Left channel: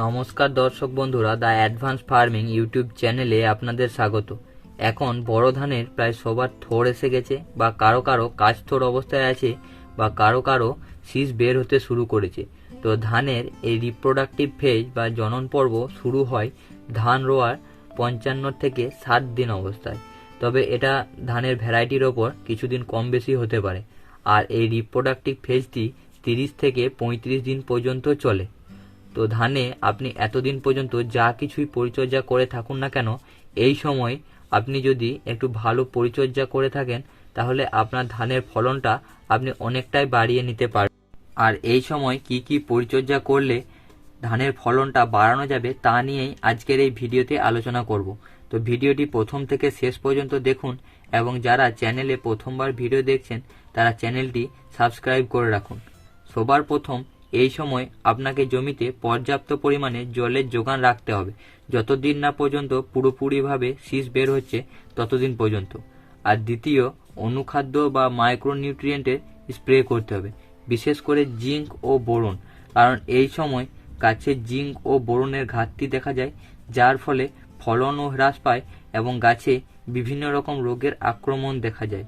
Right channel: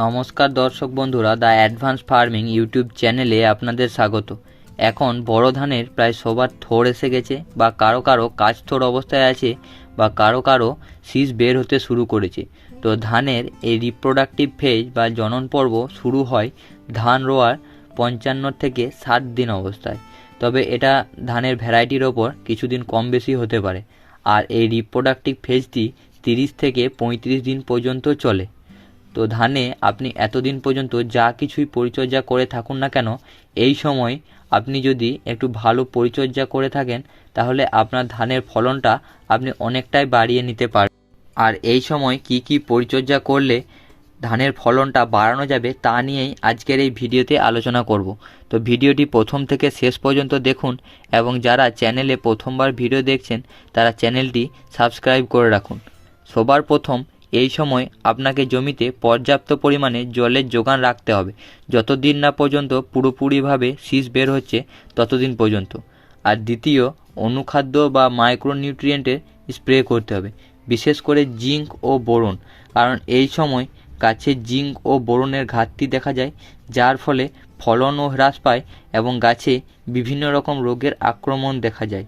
নমস্কার দর্শক বন্ধুরা, দ্য অ্যাডভান্স ফার্মিং ইউটিউব চ্যানেলে আপনাদের স্বাগত। এখন বড় ধানের প্রায় সবার থোড় এসে গেছে বা কারও কারও কাজ থোড় অবস্থায় আছে বা কারও কারও শীষ বের হতে শুরু করেছে। তো ধানের এই রিপ্রোডাক্টিভ ফেজ বা জনন পর্ব শুরু হয় ধান রোয়ার পঞ্চান্ন থেকে ষাট দিন অবস্থায়। তবে এটা ধানের ভ্যারাইটির ওপর কিছুদিন কম বেশি হতে পারে। আর এই রিপ্রোডাক্টিভ ফেজটি তিরিশ থেকে পঁয়ত্রিশ দিন পর্যন্ত চলে। তো ধানে আপনি এতদিন পর্যন্ত যা কিছুই পরিচর্যা করে থাকুন না কেন, এই সময় আপনি যদি একটু ভালো পরিচর্যা করে থাকেন, তাহলে আপনার ধানের ফলনটা আপনি অনেকটাই বাড়িয়ে নিতে পারবেন আর এই সময় কি কি পরিচর্যা করলে ধানের ফলনটা বাড়ানো যাবে, তা নিয়েই আজকের এই ভিডিওতে আলোচনা করব। তো ভিডিওটি প্রথম থেকে শেষ পর্যন্ত দেখুন এবং যারা চ্যানেলে প্রথমবার ভিডিও দেখছেন, তারা চ্যানেলটি সাবস্ক্রাইব করে রাখুন। সবার প্রথম এই সময় আপনাকে জমিতে পর্যাপ্ত পরিমাণে জলের যোগান রাখতে হবে। যতদিন না পর্যন্ত পুরোপুরিভাবে শীষ বের হচ্ছে, ততদিন পর্যন্ত। আর দ্বিতীয়, অনুখাদ্য বা মাইক্রোনিউট্রিয়েন্টের স্প্রে করতে হবে, বিশেষ করে জিঙ্ক ও বোরন। কারণ এই সময় গাছে জিঙ্ক ও বোরনের ঘাটতি দেখা যায়, যার ফলে ফলনও হ্রাস পায় এবং গাছে বিভিন্ন রকম রোগের আক্রমণ দেখা যায়।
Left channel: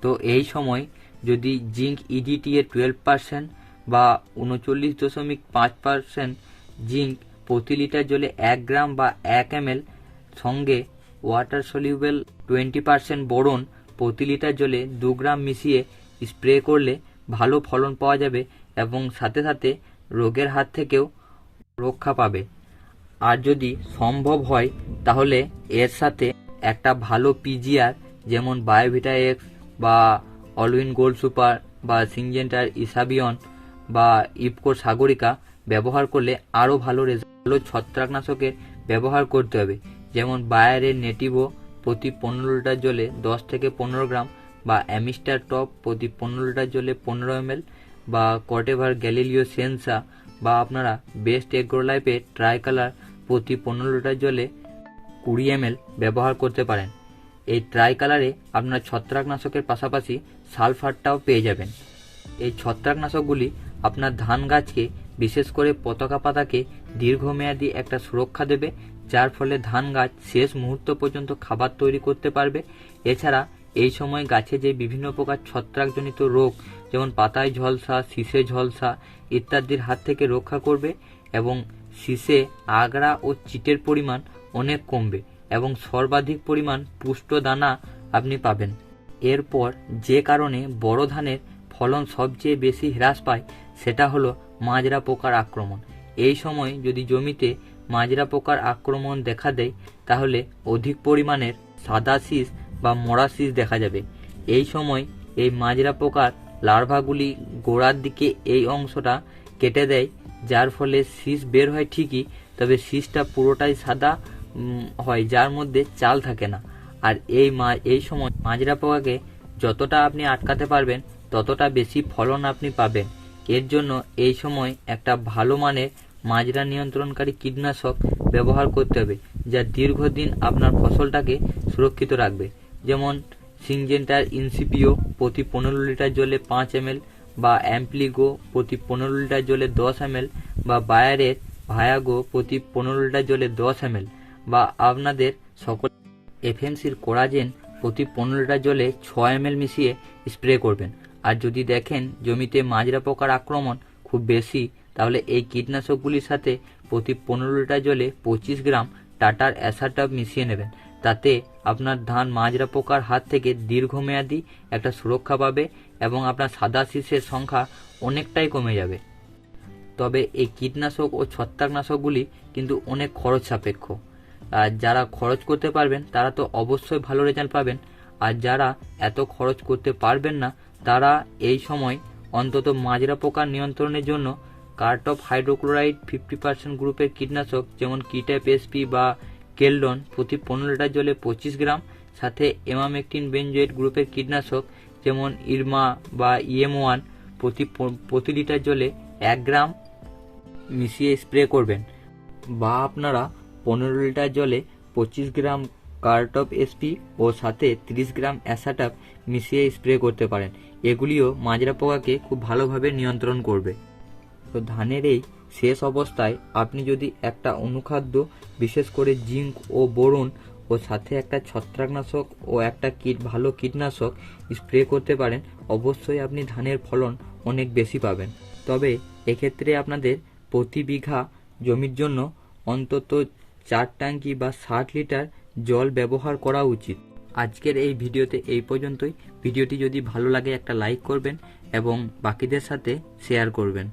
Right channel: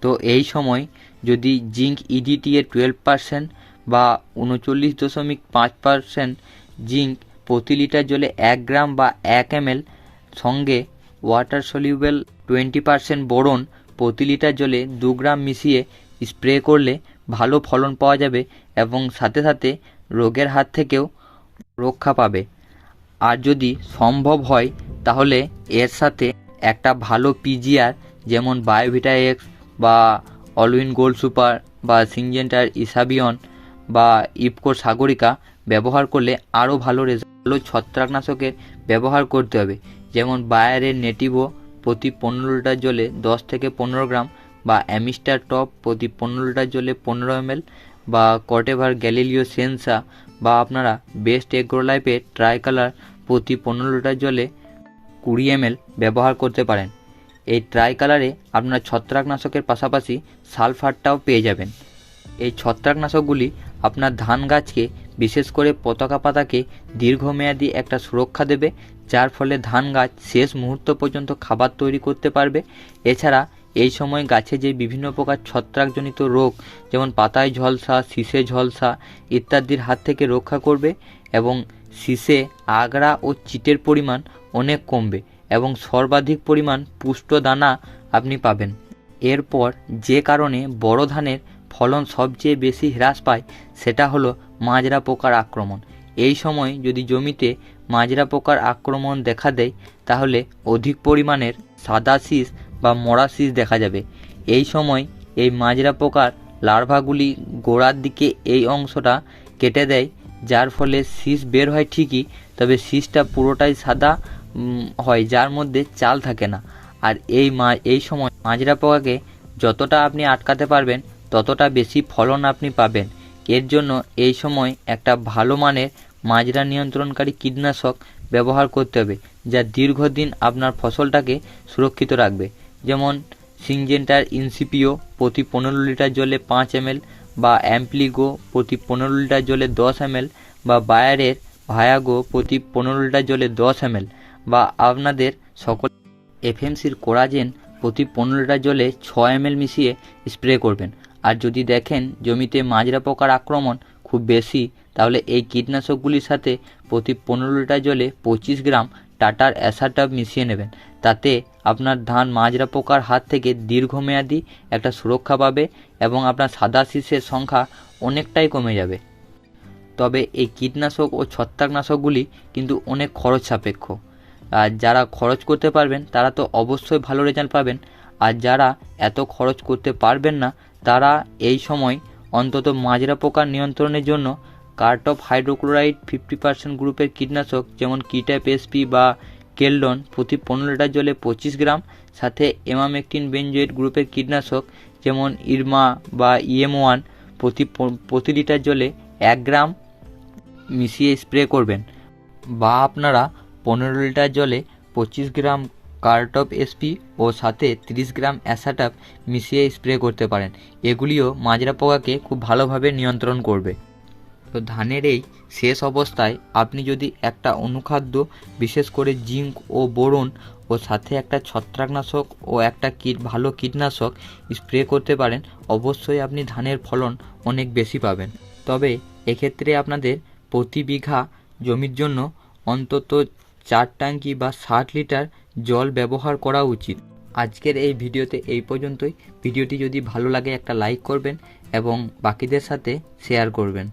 তো এই সময় যদি জিঙ্ক ইডিটি এর টুয়েলভ পার্সেন্ট বা উনচল্লিশ দশমিক পাঁচ পার্সেন্ট জিঙ্ক প্রতি লিটার জলে এক গ্রাম বা এক এমএল সঙ্গে water soluble twenty percent boron প্রতি লিটার জলে দু গ্রাম মিশিয়ে স্প্রে করলে ভালো ফলন পাওয়া যাবে এবং সাথে সাথে রোগের হাত থেকেও রক্ষা পাবে। আর যদি সম্ভব হয়, তাহলে এর সাথে একটা ভালো পিজিআর যেমন বায়োভিটা এক্স বা অলউইন গোল্ড সুপার বা সিনজেন্টার ইসাবিয়ন বা ইফকো সাগরিকা ব্যবহার করলে আরও ভালো রেজাল্ট ভালো ছত্রাকনাশকের ব্যবহার করতে হবে। যেমন বায়ারের নেটিভো প্রতি পনেরো লিটার জলে দশ থেকে পনেরো গ্রাম বা অ্যামিস্টার টপ প্রতি পনেরো লিটার জলে পনেরো এমএল বা কটেভার গ্যালিলিও সেন্সা বা আপনারা বেস্ট এগ্রোলাইফের ট্রাই কালার প্রতি পনেরো লিটার জলে কুড়ি এমএল ব্যবহার করতে পারেন। এই ট্রাই কালারে আপনারা ছত্রাকনাশকের পাশাপাশি সালফারটাও পেয়ে যাবেন। এই ছত্রাকনাশকগুলি আপনার ধান গাছকে, বিশেষ করে পতাকা পাতাকে দীর্ঘমেয়াদী একটা সুরক্ষা দেবে, যার ফলে ধান গাছ শেষ মুহূর্ত পর্যন্ত খাবার তৈরি করতে পারবে। এছাড়া এই সময় গাছে যে বিভিন্ন প্রকার ছত্রাকজনিত রোগ, যেমন পাতায় ঝলসা, শীষে ঝলসা ইত্যাদির হাত থেকে রক্ষা করবে এবং শীষে আগড়া ও চিটের পরিমাণ অনেক কমবে এবং সর্বাধিক পরিমাণ পুষ্ট দানা আপনি পাবেন। এরপর যে কারণে বড় ধানের ফলন সবচেয়ে বেশি হ্রাস পায় সেটা হলো মাজরা পোকার আক্রমণ। এই সময় যদি জমিতে মাজরা পোকার আক্রমণ দেখা দেয়, তাহলে অধিক পরিমাণের সাদা শীষ বা মরা শীষ দেখা যাবে। এই সময় এই মাজরা পোকার লার্ভাগুলি গোড়ার দিকে এই অংশটা কেটে দেয়, যার ফলে শীষ বের হয় ঠিকই, তবে শীষটা পুরোটাই সাদা হয়, যার মধ্যে চাল থাকে না। আর এই মা, এই সময় মাজরা পোকাকে যতটা আপনি আটকাতে পারবেন ততটা বেশি ফলন আপনি পাবেন। এর জন্য এই সময় একটা ভালো মানের মাজরা নিয়ন্ত্রণকারী কীটনাশক ব্যবহার করতে হবে, যা দীর্ঘদিন আপনার ফসলটাকে সুরক্ষিত রাখবে। যেমন সিংজেন্টার ইনসিপিও প্রতি পনেরো লিটার জলে পাঁচ এমএল বা অ্যাম্পলিগো প্রতি পনেরো লিটার জলে দশ এমএল বা বায়ারের ভায়াগো প্রতি পনেরো লিটার জলে দশ এমএল বা আপনাদের সকল এফএমসির কোরাজেন প্রতি পনেরো লিটার জলে ছ এমএল মিশিয়ে স্প্রে করবেন। আর যদি দেখেন জমিতে মাজরা পোকার আক্রমণ খুব বেশি, তাহলে এই কীটনাশকগুলির সাথে প্রতি পনেরো লিটার জলে পঁচিশ গ্রাম টাটার অ্যাসাটাপ মিশিয়ে নেবেন। তাতে আপনার ধান মাজরা পোকার হাত থেকে দীর্ঘমেয়াদী একটা সুরক্ষা পাবে এবং আপনার সাদা শীষের সংখ্যা অনেকটাই কমে যাবে। তবে এই কীটনাশক ও ছত্রাকনাশকগুলি কিন্তু অনেক খরচ সাপেক্ষ। আর যারা খরচ করতে পারবেন, তারা তো অবশ্যই ভালো রেজাল্ট পাবেন। আর যারা এত খরচ করতে পারবেন না তারা এই সময় অন্তত মাজরা পোকার নিয়ন্ত্রণের জন্য কার্টপ হাইড্রোক্লোরাইড ফিফটি পার্সেন্ট গ্রুপের কীটনাশক, যেমন কিট্যাপ এসপি বা কেলডন প্রতি পনেরো লিটার জলে পঁচিশ গ্রাম, সাথে এমামেকটিন বেনজোয়েট গ্রুপের কীটনাশক, যেমন ইরমা বা ইএম ওয়ান প্রতি প্রতি লিটার জলে এক গ্রাম মিশিয়ে স্প্রে করবেন। বা আপনারা পনেরো লিটার জলে পঁচিশ গ্রাম কার্টপ এসপি ও সাথে তিরিশ গ্রাম অ্যাসাটাপ মিশিয়ে স্প্রে করতে পারেন। এগুলিও মাজরা পোকাকে খুব ভালোভাবে নিয়ন্ত্রণ করবে। তো ধানের এই শেষ অবস্থায় আপনি যদি একটা অনুখাদ্য, বিশেষ করে জিঙ্ক ও বোরন ও সাথে একটা ছত্রাকনাশক ও একটা কীট, ভালো কীটনাশক স্প্রে করতে পারেন, অবশ্যই আপনি ধানের ফলন অনেক বেশি পাবেন। তবে এক্ষেত্রে আপনাদের প্রতি বিঘা জমির জন্য অন্তত চার ট্যাঙ্কি বা ষাট লিটার জল ব্যবহার করা উচিত। আজকের এই ভিডিওতে এই পর্যন্তই। ভিডিওটি যদি ভালো লাগে একটা লাইক করবেন এবং বাকিদের সাথে শেয়ার করবেন।